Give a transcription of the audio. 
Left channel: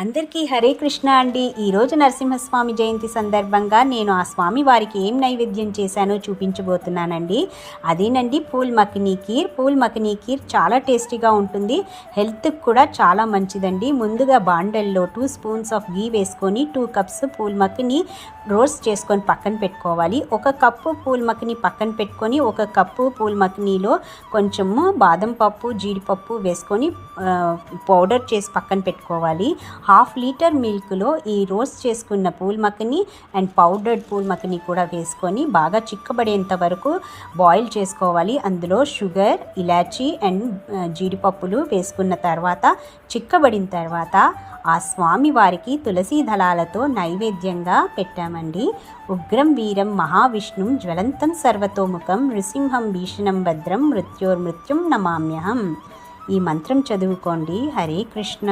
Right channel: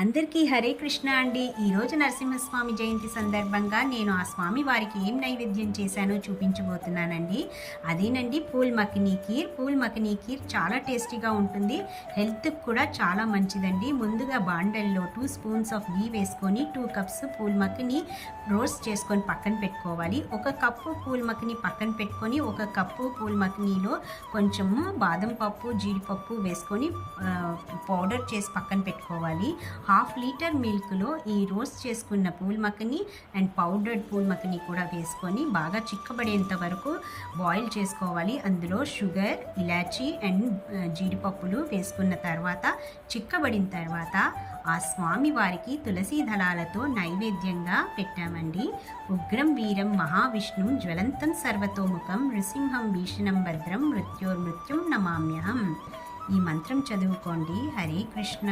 అందరికీ హరే కృష్ణ అండి. ఈరోజు నరసింహస్వామి జయంతి సందర్భంగా నేను ఆ స్వామి వారికి ఏం నైవేద్యం చేశానో చూపించబోతున్నానండి. అదేనండి పూల్ మఖనీ కీర్. పూల్ మఖనీ కీర్ చాలా టేస్టీగా ఉంటుంది, హెల్త్కి కూడా చాలా మంచిదండి. ముందుగా బాండల్లో 2 స్పూన్స్ ఆఫ్ గీ వేసుకొని 2 కప్స్ పూల్ మఖనీ రోస్ట్ చేసుకొని పక్కన పెట్టుకోవాలి. 1 కప్పు పూల్ మఖనీ పక్కన పెట్టుకొని 1 కప్పు పూల్ మఖనీలో కొంచెము బాదం పప్పు, జీడిపప్పు వేసుకొని పౌడర్ చేసి పక్కన పెట్టుకోవాలి. 1/2 లీటర్ మిల్క్లో ఈ రోస్ట్ చేసుకున్న pool makhani and powdered pool makhani కూడా వేసుకొని బాగా చిక్కబడేంత వరకు బాయిల్ చేసుకోవాలి. అందులో షుగర్, ఇలాచీ అండ్ జీడిపప్పులు వేసుకున్న తర్వాత చిక్కబడిన తర్వాత ఆ స్వామి వారికి తులసీ దళాలతో నైవేద్యంగా పెట్టామండి. ఉగ్రం వీరం మహావిష్ణుం జ్వలంతం సర్వతోముఖం నృసింహం భీషణం భద్రం మృత్యోర్మృత్యుం నమామ్యహం. ఈ మంత్రం చదువుకోండి. హరే కృష్ణ.